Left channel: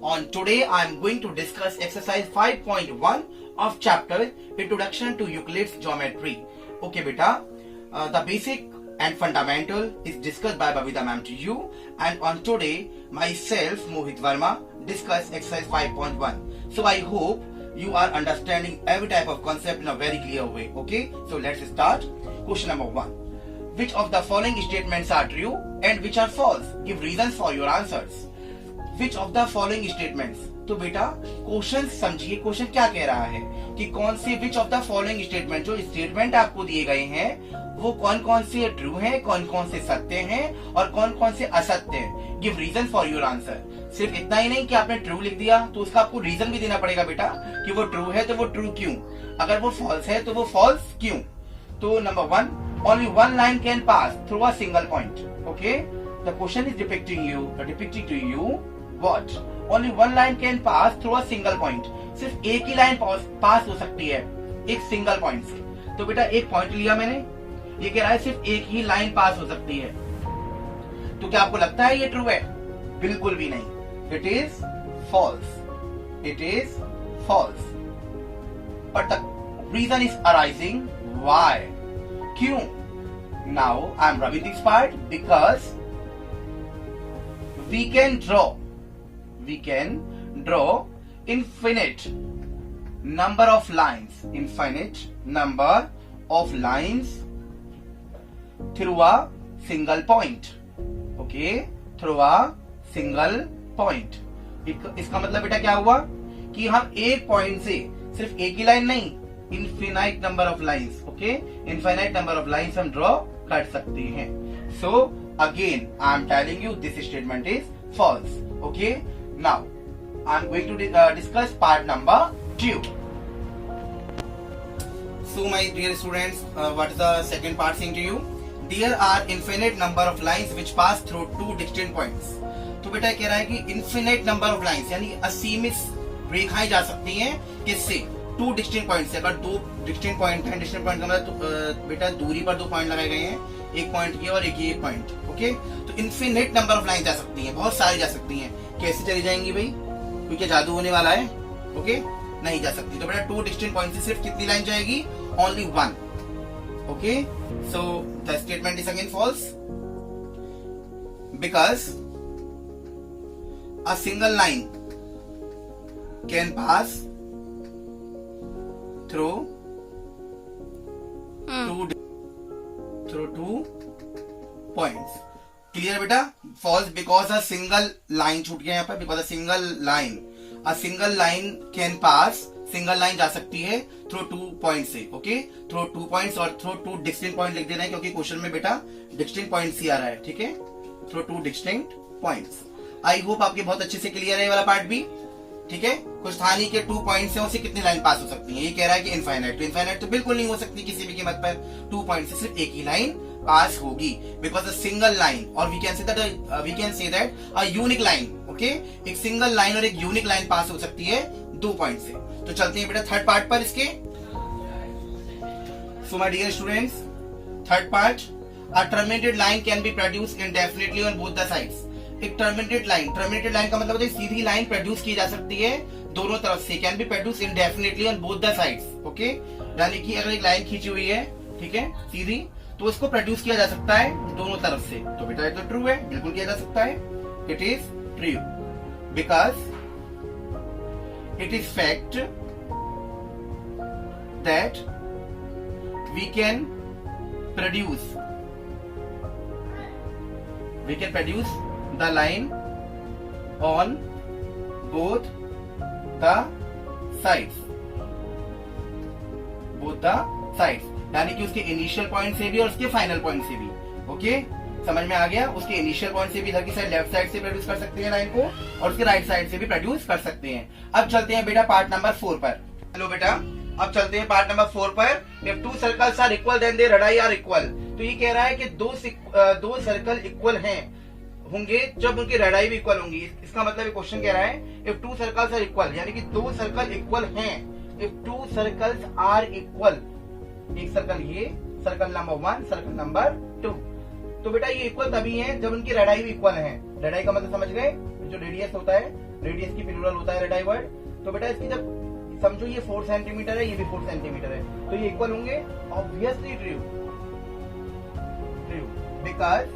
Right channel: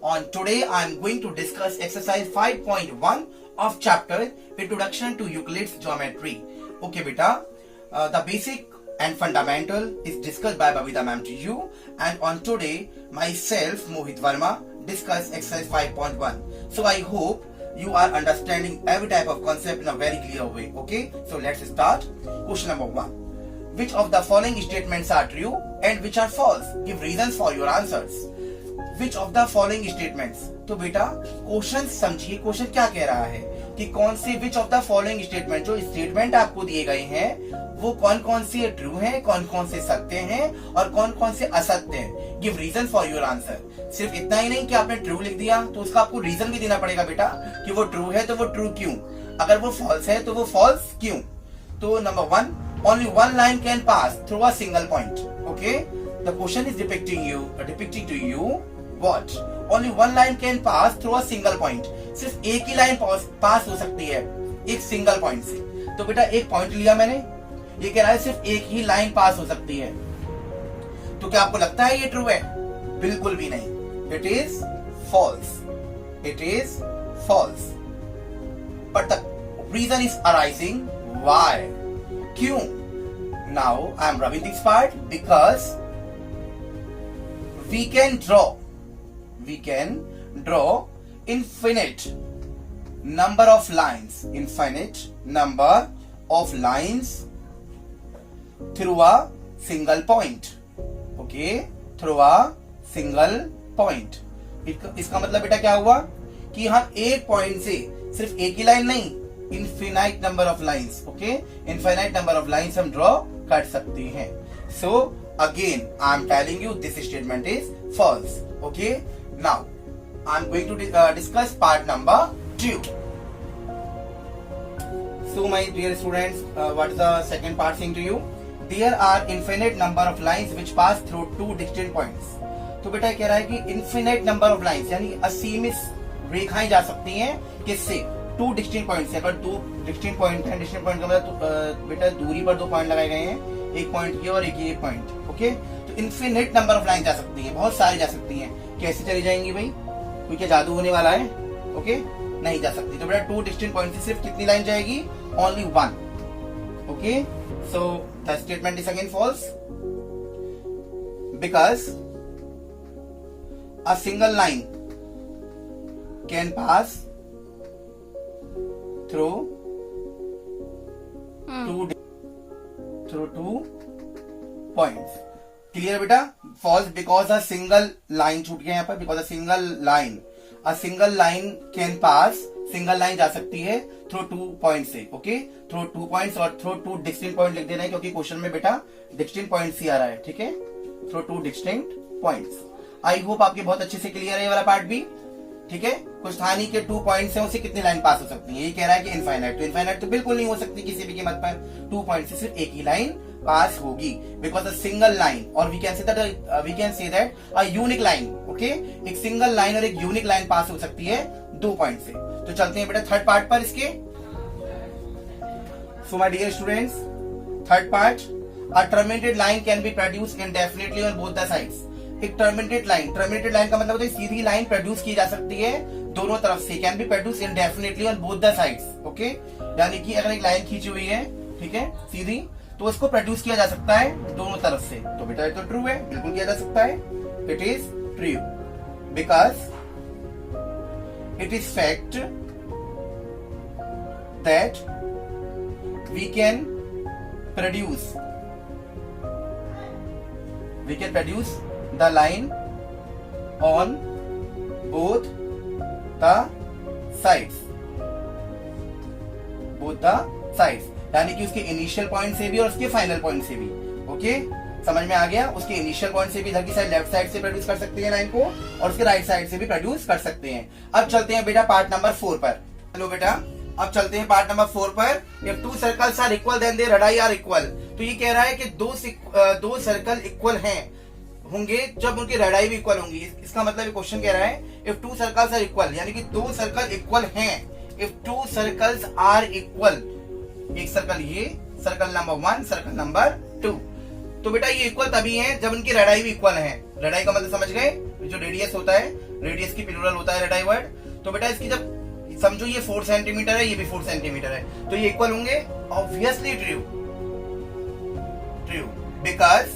On today I am going to discuss exercise 5.1 of chapter Introduction to Euclid's Geometry. Okay beta, the basic and fundamental is discussed by Babita ma'am to you, and on today myself Mohit Verma discuss exercise 5.1. So I hope you are understanding every type of concept in a very clear way. Okay, so let's start. Question number 1. Which of the following statements are true and which are false? Give reasons for your answers. Which of the following statements? तो बेटा question समझिए, question क्या कह रहा है कि कौन से which of the following statement, जो स्टेटमेंट आपको दिए गए हैं वो कौन कौन से ट्रू हैं, कौन कौन से सत्य हैं और कौन कौन से असत्य हैं. Give reason for your answer. सिर्फ इतना ही नहीं कि आपने ट्रू लिख दिया तो उसका आपको रीजन भी देना पड़ेगा बेटा कि वो ट्रू है तो वो ट्रू क्यों, अगर वो फॉल्स है तो वो फॉल्स क्यों. तो number 1, only one line can pass through a single point. Okay, the question is depicting to you what? Only one line can pass through a single point. सिर्फ एक ही लाइन पास हो सकती है एक सिंगल पॉइंट से. तो बेटा एक पॉइंट लिया मैंने, ये कह रहा है सिर्फ एक ही लाइन पास हो सकती है. तो क्या आपको लगता है ये ट्रू है? बिल्कुल भी नहीं. It is false. It is false. But the reason is arising. Why? क्यों? Now I am rubbing this part because we can draw infinite number of lines through a single point. Okay, through a single point. इसका मतलब बेटा क्या हुआ कि हम एक point से सिर्फ एक ही लाइन नहीं, infinite number of lines. Okay, infinite number of lines हम ड्रॉ कर सकते हैं. So again I am telling you this statement is false. Okay, now I am going to discuss part number 2. So my dear students, what is the second part saying to you? There are infinite number of lines which pass through two distinct points. तो बेटा कह रहा है कि infinite number of lines यानी असीमित रेखाएं जा सकती हैं किससे? टू डिस्टिंक्ट पॉइंट से. अगर दो डिस्टिंक्ट पॉइंट है, डिस्टिंक्ट पॉइंट का मतलब बेटा दूरी पर दो पॉइंट लगाए गए हैं, एक पॉइंट ये और एक ये पॉइंट. ओके, तो इन्फिनिट नंबर ऑफ लाइन जा सकती हैं, बहुत सारी जा सकती हैं. कैसे चली जाएंगी भाई? कोई क्या जादू होने वाला है? ओके, नहीं जा सकती. तो बेटा टू डिस्टिंक्ट पॉइंट से सिर्फ कितनी लाइन जाएगी? Only one. Okay, so the statement is again false because a single line can pass through two points. Clear बेटा? False because a single line छूट गया यहाँ पर. Because a single line can pass, single line जा सकती है through two point से. Okay, through two points और थ्रू टू डिस्टिंक्ट पॉइंट लिख देना है क्योंकि क्वेश्चन में बेटा डिस्टिंक्ट पॉइंट्स ही आ रहा है. ठीक है, through two distinct points. I hope आपके बहुत अच्छे से क्लियर है ये वाला पार्ट भी. ठीक है, कुछ था नहीं कि 2 पॉइंट से उसे कितनी लाइन पास हो सकती है. ये कह रहा है कि इनफाइनाइट. तो इनफाइनाइट तो बिल्कुल नहीं हो सकती किसी भी कीमत पर. 2 पॉइंट से सिर्फ एक ही लाइन पास होगी बिकॉज अ सिंगल लाइन, और we can say that a unique line. Okay, एक सिंगल लाइन और एक यूनिक लाइन पास हो सकती है 2 पॉइंट से. तो चलते हैं बेटा थर्ड पार्ट पर इसके. So my dear students, third part, a terminated line can be produced indefinitely on both the sides. एक टर्मिनेटेड लाइन का मतलब होता है सीधी लाइन प्रोड्यूस की जा सकती है दोनों तरफ से. Can be produce इंडेफिनिटली on both the sides. Okay, यानी कि अगर एक लाइन खींची हुई है, ठीक है, सीधी, तो उसको प्रोड्यूस किया जा सकता है दोनों तरफ से. तो बेटा ये तो ट्रू है, बिल्कुल किया जा सकता है. It is true because it is fact that we can produce the line on both the sides. यानी कि उसके इनिशियल पॉइंट से भी और उसके फाइनल पॉइंट से भी. ओके, समझ में आ गया? उसके इनिशियल पॉइंट से भी इधर की साइड लेफ्ट साइड से प्रोड्यूस कर सकते हैं लाइन को, और उसके राइट साइड से भी प्रोड्यूस कर सकते हैं. अब चलते हैं बेटा पार्ट नंबर 4 पर. हेलो बेटा, अब चलते हैं पार्ट नंबर 4 पर. If two circles are equal then their radii are equal. तो ये कह रहा है कि दो सर्कल इक्वल हैं होंगे जब उनकी रेडियाई भी इक्वल होंगी. इसका मतलब क्वेश्चन कह रहा है if two circles are equal, यानी कि 2 सर्कल इक्वल हैं. इफ 2 सर्कल्स आर इक्वल, एक सर्कल ये, सर्कल नंबर 1, सर्कल नंबर 2. तो बेटा ये इक्वल तभी है जब उनकी रेडियाई भी इक्वल है. रेडियाई का मतलब समझ गए? जो रेडियस होता है रेडियस की प्लूरल होता है रेडाई वर्ड। तो बेटा इसकी जब समझो ये 4 सेंटीमीटर है, ये भी 4 सेंटीमीटर है, तो ये इक्वल होंगे, obviously true, because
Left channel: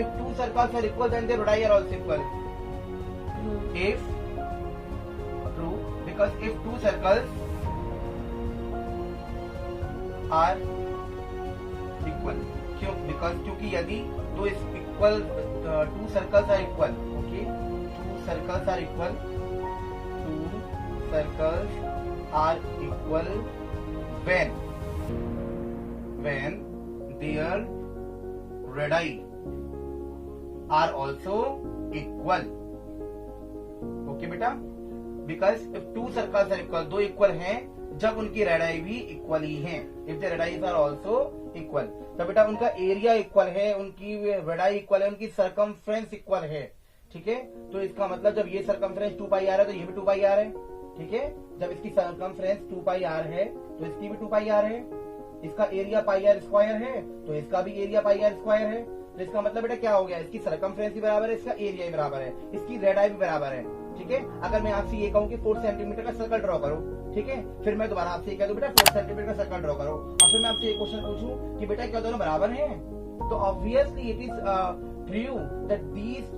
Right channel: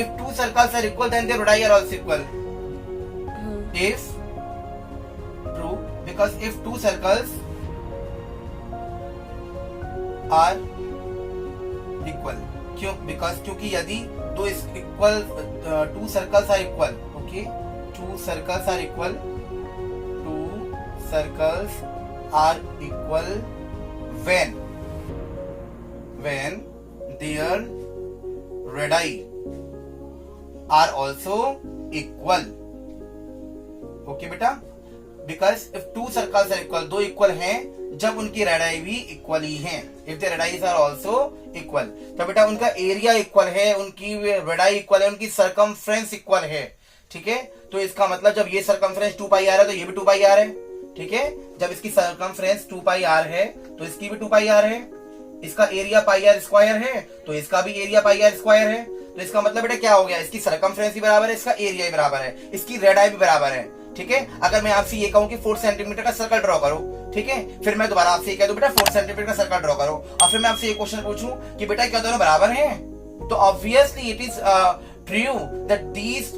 if two circles are equal then their radii are also equal. If true, because if two circles are equal, क्यों? Because क्योंकि यदि दो equal two circles are equal, okay, two circles are equal when their radii are also equal. Okay बेटा, because if two circles are equal, दो equal हैं जब उनकी radii भी इक्वल ही हैं, if the radiis are also equal, तो बेटा उनका एरिया इक्वल है, उनकी रेडाई इक्वल है, उनकी सरकमफ्रेंस इक्वल है, ठीक है। तो इसका मतलब जब ये सरकमफ्रेंस 2 पाई आर है तो ये भी 2 पाई आर है, ठीक है। जब इसकी सरकमफ्रेंस 2 पाई आर है तो इसकी भी 2 पाई आर है, इसका एरिया पाई आर स्क्वायर है तो इसका भी एरिया पाई आर स्क्वायर है। तो इसका मतलब बेटा क्या हो गया, इसकी सरकमफ्रेंस भी बराबर है, इसका एरिया भी बराबर है, इसकी रेडाई भी बराबर है, ठीक है। अगर मैं आपसे ये कहूं कि 4 सेंटीमीटर का सर्कल ड्रॉ करो, ठीक है, फिर मैं दोबारा आपसे ये कह दूं बेटा 4 सेंटीमीटर का सर्कल ड्रॉ करो, और फिर मैं आपसे ये क्वेश्चन पूछूं कि बेटा क्या दोनों बराबर हैं, तो obviously it is true that these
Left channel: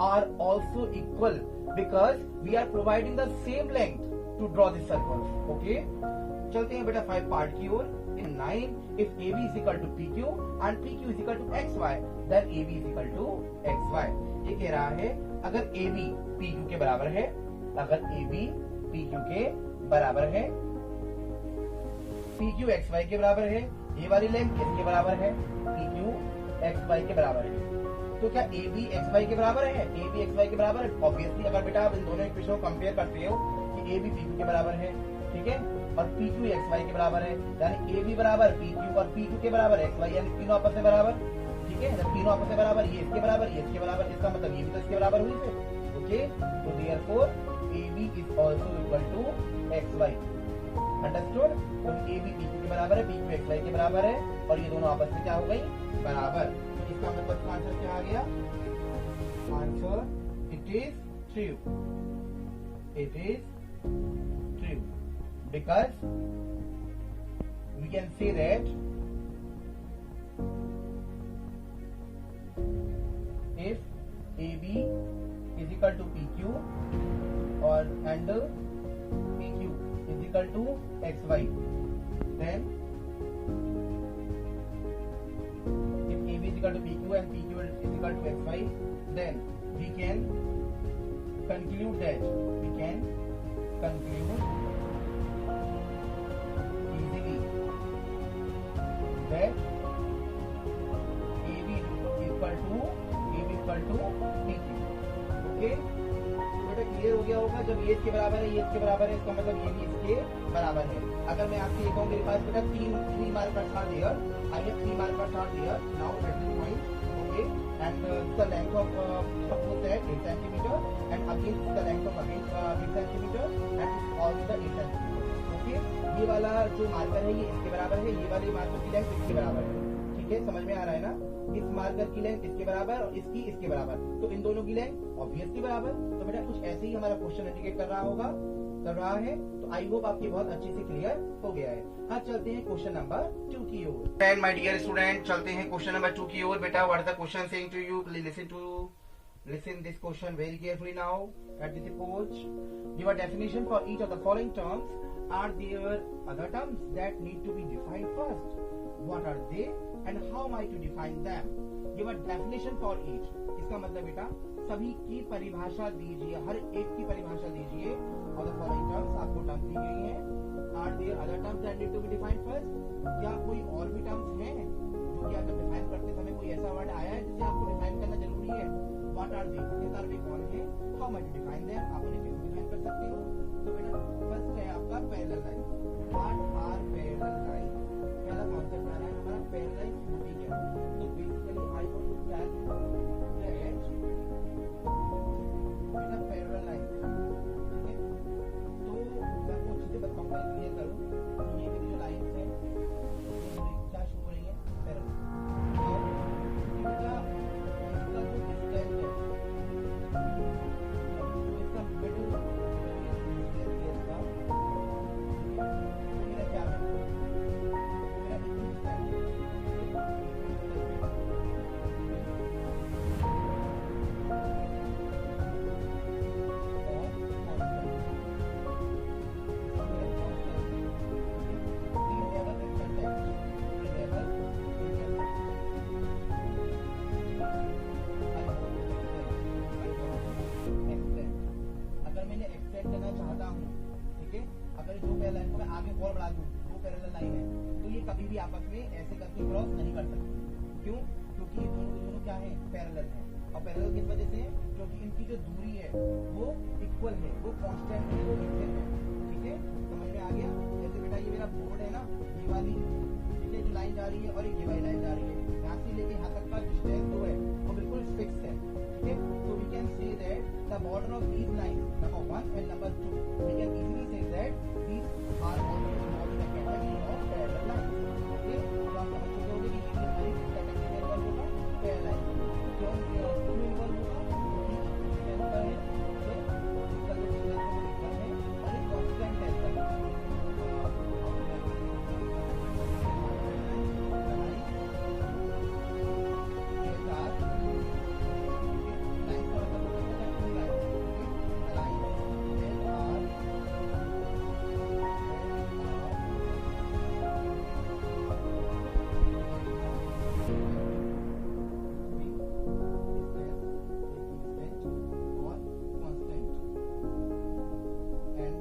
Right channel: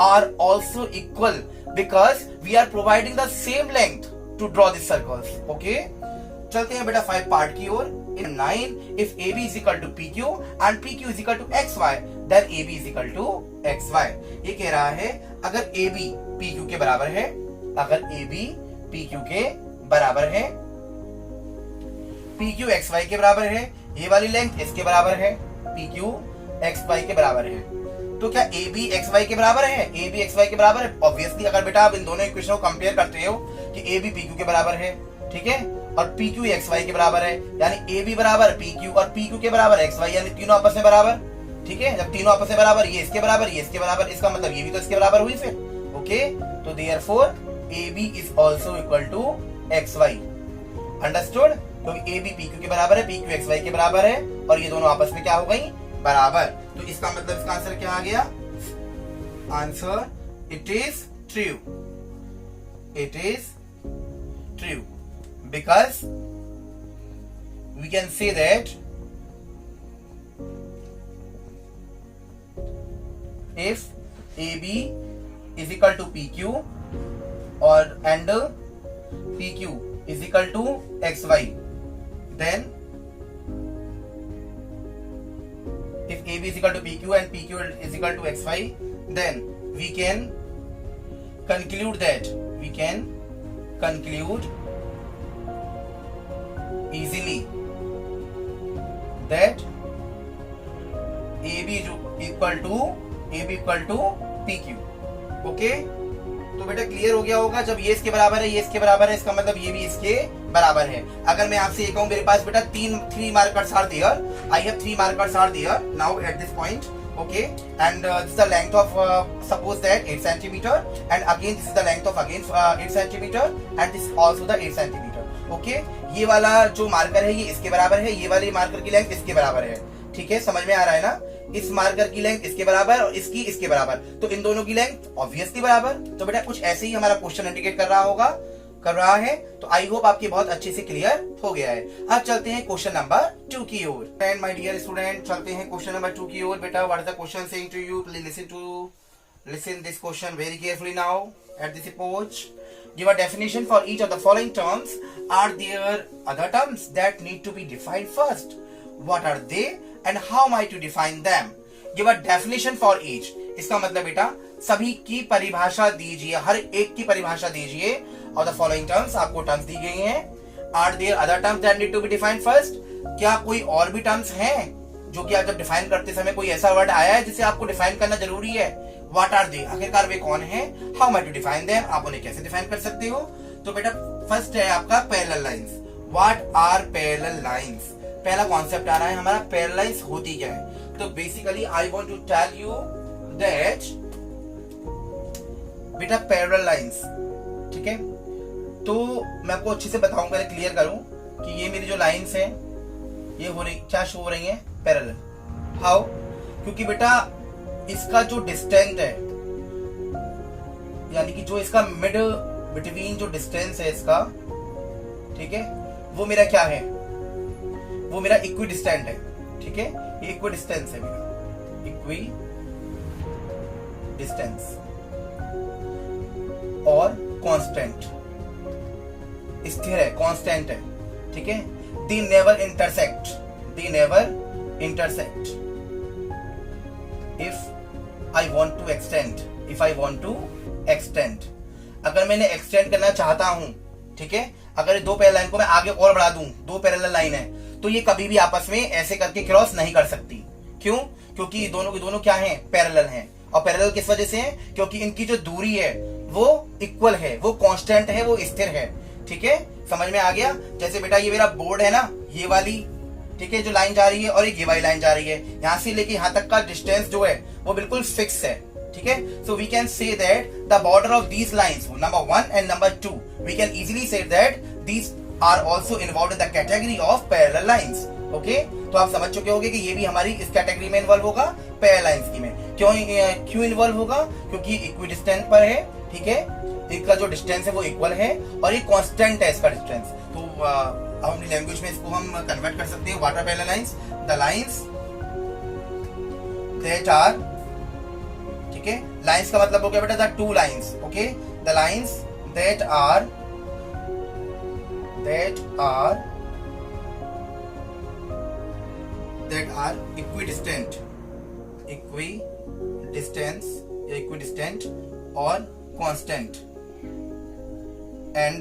are also equal because we are providing the same length to draw this circles. Okay, चलते हैं बेटा 5 पार्ट की ओर। In 9, if AB is equal to PQ and PQ is equal to XY, then AB is equal to XY. ये कह रहा है अगर AB PQ के बराबर है, अगर AB PQ के बराबर है, PQ XY के बराबर है, ये वाली लेंथ इसके बराबर है, PQ XY के बराबर है, तो क्या AB XY के बराबर है? AB XY के बराबर है। ऑब्वियसली अगर बेटा आप इन दोनों इक्वेशन को कंपेयर करते हो कि AB PQ के बराबर है, ठीक है, और PQ XY के बराबर है, यानी AB बराबर PQ और PQ के बराबर XY, यानी तीनों आपस में बराबर, ठीक है। जब तीनों आपस में बराबर, ये इसके बराबर, ये इसके बराबर, इसका मतलब ये भी तो इसके बराबर हुई फिर। ओके, तो therefore AB is also equal to XY। Understood? क्योंकि AB PQ के बराबर है, PQ XY के बराबर है, और ये दोनों आपस में क्या हो गई, बराबर। तो इसका मतलब इसका आंसर क्या आ गया? Answer it is true, it is true, because we can say that if AB is equal to PQ or and PQ is equal to XY, then if AB is equal to PQ and PQ is equal to XY, then we can conclude easily that AB equal to PQ। Okay, तो बेटा clear हो गया होगा। जब ये इसके बराबर है, ये इसके बराबर है, इसका मतलब ये भी इसके बराबर है। अगर मैं आपसे ये कहूं मेरे पास बेटा 3 markers are there, I have 3 markers are there now at this point, okay, and this is the length of suppose that 8 centimeter, and again this is the length of again 8 centimeter, and this is also the 8 centimeter। okay, ये वाला जो marker है ये इसके बराबर है, ये वाले मार्कर की लेंथ इसके बराबर है, ठीक है, समझ में आ रहा है ना। इस मार्कर की लेंथ इसके बराबर और इसकी इसके बराबर, तो इन दोनों की लेंथ ऑब्वियसली बराबर। तो बेटा कुछ ऐसे ही हमारा क्वेश्चन इंडिकेट कर रहा है। तो आई होप आपके बहुत अच्छे से क्लियर हो गया है। अब चलते हैं क्वेश्चन नंबर 2 की ओर। एंड माय डियर स्टूडेंट, चलते हैं क्वेश्चन नंबर 2 की ओर। बेटा what is the question saying to you, please listen this question very carefully now at this approach. Give a definition for each of the following terms. Are there other terms that need to be defined first? What are they and how am I to define them? Give a definition for each. इसका मतलब बेटा सभी की परिभाषा दीजिए, हर एक की परिभाषा दीजिए। और द फॉलोइंग टर्म्स, आपको टर्म्स दी गई हैं। Are there other terms that need to be defined first? क्या कोई और भी टर्म्स हैं जो कि आप जब डिफाइन करते समय कोई ऐसा वर्ड आया है जिसे आपको डिफाइन करना जरूरी है? व्हाट आर दे, आखिरकार वे कौन है? How am I to define them, आप उन्हें कैसे डिफाइन कर सकते हो? तो बेटा फर्स्ट है आपका parallel lines. What are parallel lines? पहला कॉन्सेप्ट आ रहा है हमारा, पैरेलल लाइंस होती क्या है। तो basically I want to tell you that बेटा पैरेलल लाइंस, ठीक है, तो मैं आपको अच्छे से बताऊंगा, क्लियर करूं कि ये मेरी जो लाइंस हैं ये हो रही क्या शो हो रही हैं, पैरेलल। हाउ? क्योंकि बेटा इसका जो डिस्टेंस है, यानी कि जो इसका मिड बिटवीन जो डिस्टेंस है इसका, ठीक है, वो मेरा क्या है, वो मेरा इक्वी डिस्टेंट है, ठीक है, ये इक्वी डिस्टेंस है मेरा, इक्वी डिस्टेंस और कांस्टेंट, स्थिर है, कांस्टेंट है, ठीक है। They never intersect, they never intersect if I want to extend, if I want to extend, अगर मैंने एक्सटेंड करना चाहता हूं, ठीक है, अगर दो पैरेलल लाइन को मैं आगे और बढ़ा दूं, दो पैरेलल लाइन है, तो ये कभी भी आपस में ऐसे करके क्रॉस नहीं कर सकती। क्यों? क्योंकि दोनों के दोनों क्या हैं, पैरेलल हैं। और पैरेलल किस वजह से है? क्योंकि इनकी जो दूरी है वो इक्वल है, वो कांस्टेंट है, वो स्थिर है, ठीक है। समझ में आ गया? जैसे बेटा ये मेरा बोर्ड है ना, ये वाली, ठीक है, जो लाइन जा रही है, और एक ये वाली लाइन जा रही है, यहाँ से लेके यहाँ तक का डिस्टेंस जो है वो बिल्कुल फिक्स है, ठीक है। So we can say that the border of these lines, number 1 and number 2, we can easily say that these are also involved in the category of parallel lines. Okay, तो आप समझ चुके होंगे कि ये भी हमारी इस कैटेगरी में इन्वॉल्व होगा, पैरेलल लाइंस की में। क्यों इन्वॉल्व होगा? क्योंकि इक्वी डिस्टेंस पर है, ठीक है, इनका जो डिस्टेंस है वो इक्वल है और ये कांस्टेंट है इसका डिस्टेंस। तो अपनी लैंग्वेज में इसको हम कन्वर्ट कर सकते हैं, what are parallel lines? The lines that are, ठीक है, लाइंस का मतलब हो गया बेटा the two lines, okay, the lines that are equidistant या equidistant और constant, and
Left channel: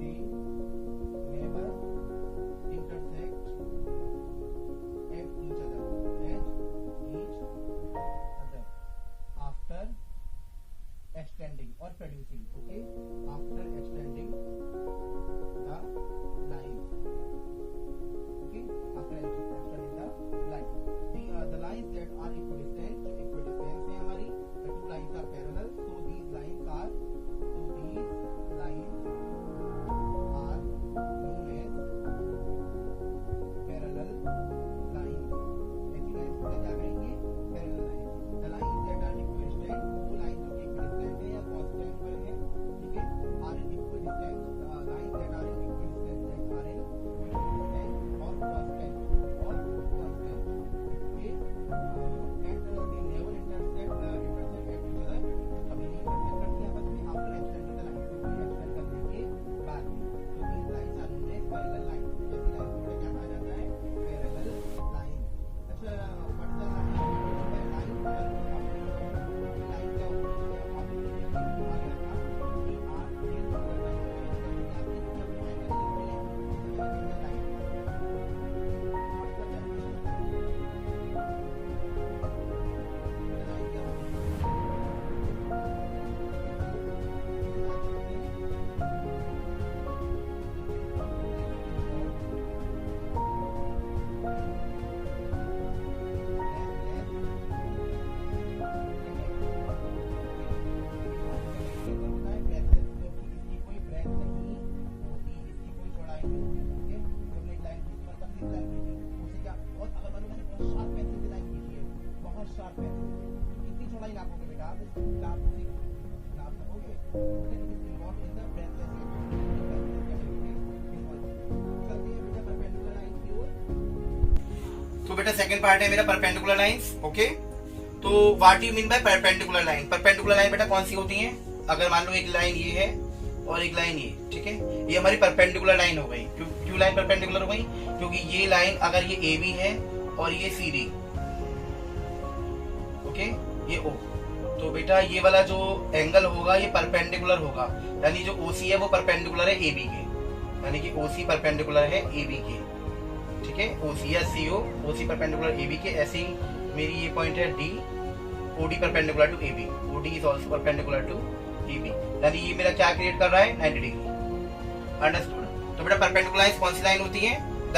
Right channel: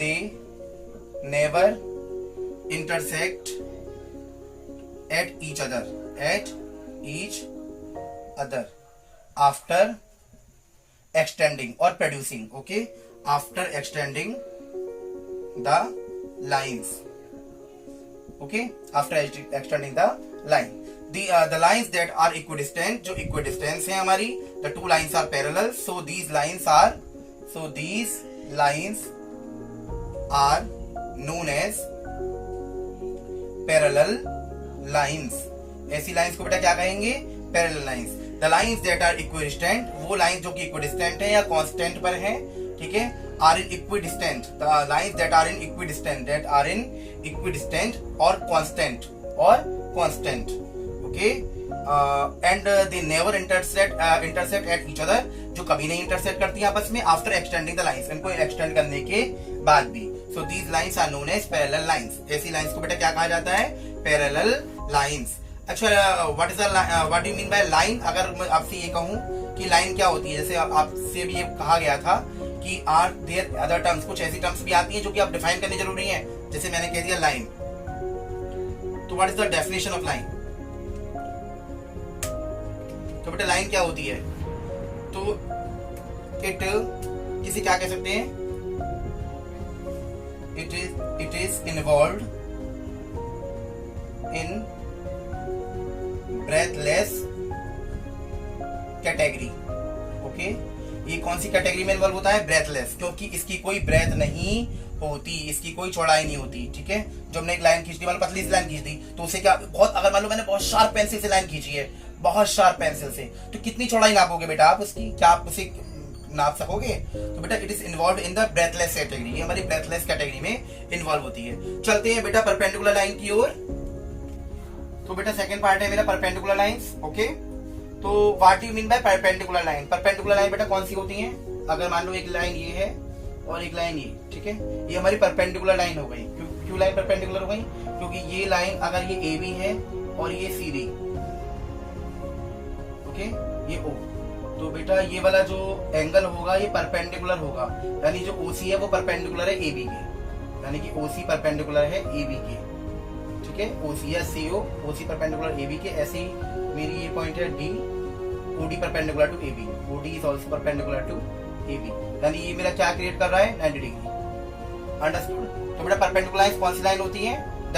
they never intersect at each other after extending or producing, okay, after extending the lines, okay, after extending the line, the lines that are equidistant, जो equidistant है हमारी, the two lines are parallel, so these lines are known as parallel lines। ऐसी lines को बेटा क्या कहेंगे? Parallel lines. The lines that are equidistant, वो line जो कि इक्विडिस्टेंट है या कांस्टेंट पर है, ठीक है, are in equidistant, the lines that are in equidistant और constant, okay, and they never intersect at each other, जो कभी नहीं इंटरसेक्ट करती आपस में, आफ्टर एक्सटेंडिंग द लाइंस, इनको एक्सटेंड करने के बाद भी। So these lines are known as parallel lines. ऐसी लाइंस को बेटा क्या कहा जाता है? Parallel lines. अच्छा, what do mean by line? अगर मैं आपसे ये कहूं कि लाइन क्या होती है, जैसे आपसे भी ये कहा गया था कि आर देयर अदर टर्म्स, कुछ ऐसी टर्म्स भी आती हैं जो कि आप डिफाइन करनी जरूरी है। जैसे मैंने कह दिया लाइन, तो what is the definition of line? तो बेटा लाइन क्या होती है? तो इसे क्या कह सकते हैं? It is involved in breathless category, okay. ये कौन सी कैटेगरी में इन्वॉल्व होता है? ब्रेथलेस, क्योंकि इसकी कोई ब्रेथ नहीं होती, इसकी कोई चौड़ाई नहीं होती, ठीक है। जो हमने एक लाइन खींच दी, मान लो पतली सी लाइन खींच दी, तो उसे क्या बहुत, अगर मान लो मैंने बहुत शार्प पेंसिल से लाइन खींची है, बहुत शार्प पेंसिल से, तो कितनी चौड़ाई नापोगे बेटा आप उसकी? क्या आप उसे नाप सकोगे? तो बेटा it is involve in the breathless category, ये हमारी ब्रेथलेस कैटेगरी में इन्वॉल्व होती है। चलते हैं बेटा परपेंडिकुलर लाइन की ओर। तो बेटा सेकंड पार्ट है मेरा परपेंडिकुलर लाइंस, ओके। तो what do you mean by perpendicular line? Perpendicular line बेटा कौन सी होती है? अगर मान लो एक लाइन ये है और एक लाइन ये, ठीक है, ये हमारी परपेंडिकुलर लाइन हो गई। क्यों लाइन परपेंडिकुलर हो गई? क्योंकि ये लाइन अगर ये ए बी है और ये सी डी, ओके, ये ओ, तो बेटा ये वाला जो एंगल होगा ये परपेंडिकुलर होगा, यानी जो ओसी है वो परपेंडिकुलर है ए बी के, यानी कि ओसी परपेंडिकुलर है ए बी के, ठीक है, ओसी या CO, OC perpendicular A B के। ऐसे ही मेरी ये पॉइंट है D, OD perpendicular to A B, OD is also perpendicular to A B, यानी ये मेरा क्या क्रिएट कर रहा है? 90 डिग्री। अंडरस्टूड? तो बेटा परपेंडिकुलर लाइंस कौन सी लाइन होती है? The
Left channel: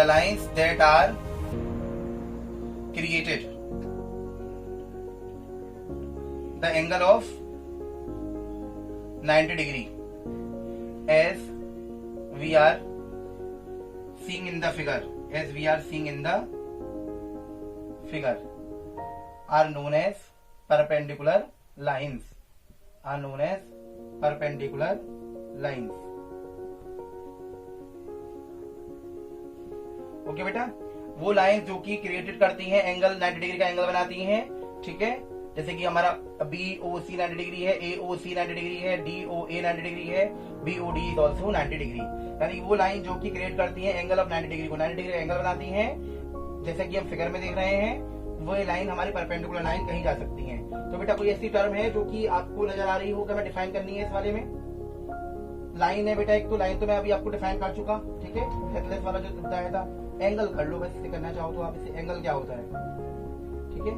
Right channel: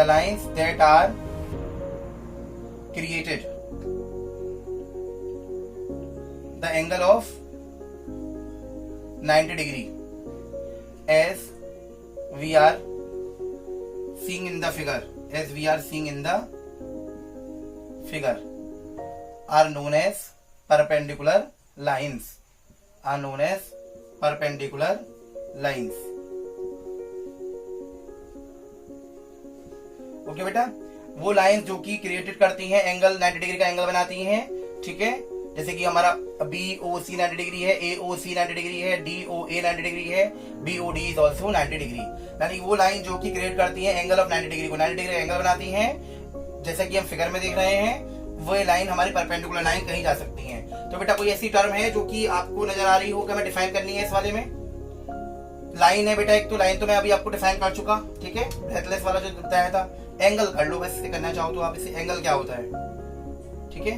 lines that are created the angle of 90 degree as we are seeing in the figure, figure are known as perpendicular lines, are known as perpendicular lines. Okay बेटा, वो lines जो कि created करती हैं angle 90 degree का angle बनाती हैं, ठीक है। जैसे कि हमारा BOC 90 डिग्री है, AOC 90 डिग्री है, DOA 90 डिग्री है, BOD इज ऑल्सो 90 डिग्री। यानी वो लाइन जो कि क्रिएट करती है एंगल ऑफ 90 डिग्री को 90 डिग्री एंगल बनाती हैं, जैसा कि हम फिगर में देख रहे हैं, वो लाइन हमारी परपेंडिकुलर लाइन कही जा सकती हैं। तो बेटा कोई ऐसी टर्म है जो कि आपको नजर आ रही हो कि हमें डिफाइन करनी है इस वाले में? लाइन है बेटा एक, तो लाइन तो मैं अभी आपको डिफाइन कर चुका, ठीक है, ब्रेथलेस वाला जो बताया था। एंगल कर लो, वैसे करना चाहो तो आप इसे, एंगल क्या होता है, ठीक है।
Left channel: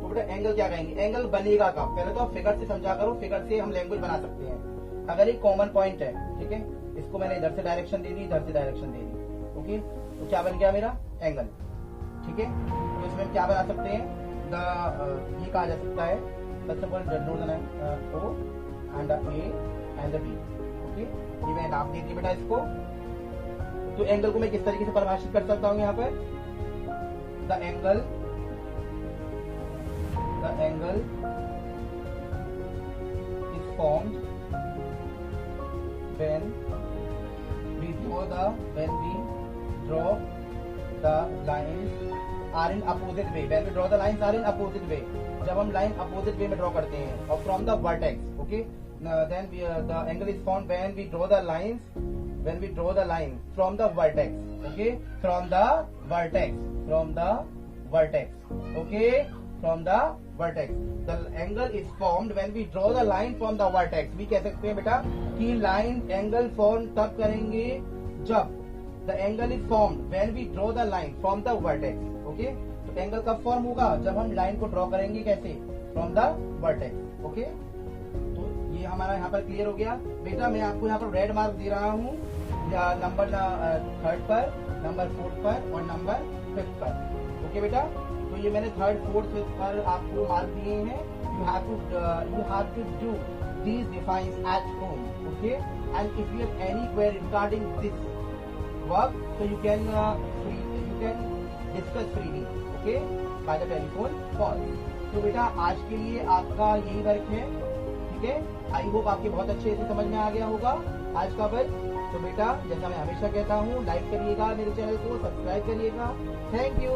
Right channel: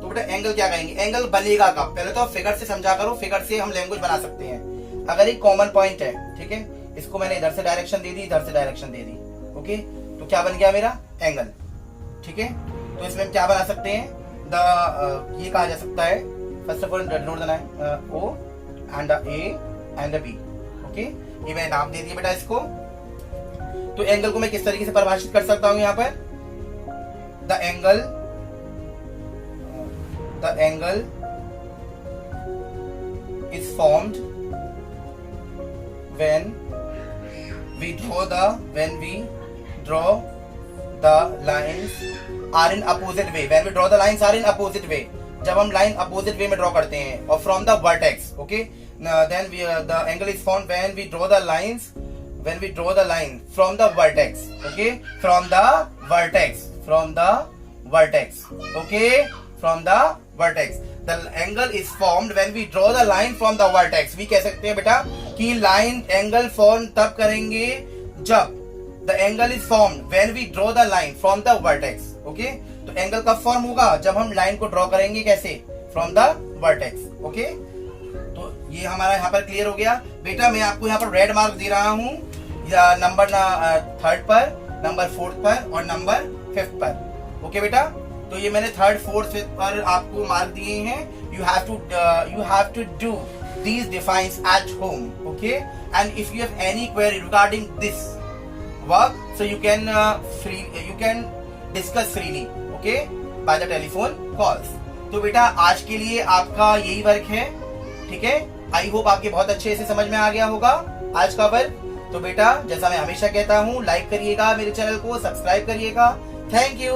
तो बेटा एंगल क्या कहेंगे, एंगल बनेगा कब? पहले तो आप फिगर से समझा करो, फिगर से हम लैंग्वेज बना सकते हैं। अगर एक कॉमन पॉइंट है, ठीक है, इसको मैंने इधर से डायरेक्शन दे दी, इधर से डायरेक्शन दे दी, ओके, तो क्या बन गया मेरा एंगल, ठीक है। तो इसमें हम क्या बना सकते हैं, ये कहा जा सकता है, फर्स्ट ऑफ ऑल नोट देना है O and A and B, okay. ये मैंने नाम दे दिया बेटा इसको। तो एंगल को मैं किस तरीके से परिभाषित कर सकता हूं यहाँ पर, the angle is formed when we draw the lines are in opposite way, when we draw the lines are in opposite way, जब हम लाइन अपोजिट वे में ड्रॉ करते हैं, और from the vertex, okay, then the angle is formed when we draw the line from the vertex, okay, from the vertex, okay, from the vertex. The angle is formed when we draw the line from the vertex. we कह सकते हैं बेटा कि line angle form तब करेंगे जब the angle is formed when we draw the line from the vertex, okay. तो angle कब फॉर्म होगा, जब हम लाइन को ड्रॉ करेंगे कैसे, फ्रॉम द वर्टेक्स, ओके। तो ये हमारा यहाँ पर क्लियर हो गया बेटा। मैं आपको यहाँ पर रेड मार्क दे रहा हूँ, नंबर 3rd पर, नंबर 4th पर और नंबर 5th पर, ओके बेटा। तो ये मैंने 3rd, 4th, 5th पर आपको मार्क दिए हैं। you have to do these defines at home, okay, and if you have any query regarding this work, so you can discuss freely, okay, by the telephone calls. तो बेटा आज के लिए आपका यही वर्क है, ठीक है। आई होप आपके बहुत अच्छे से समझ में आ गया होगा आज का वर्क। तो बेटा जैसा मैं हमेशा कहता हूँ, लाइक करिएगा मेरे चैनल को, सब्सक्राइब करिएगा। Thank you.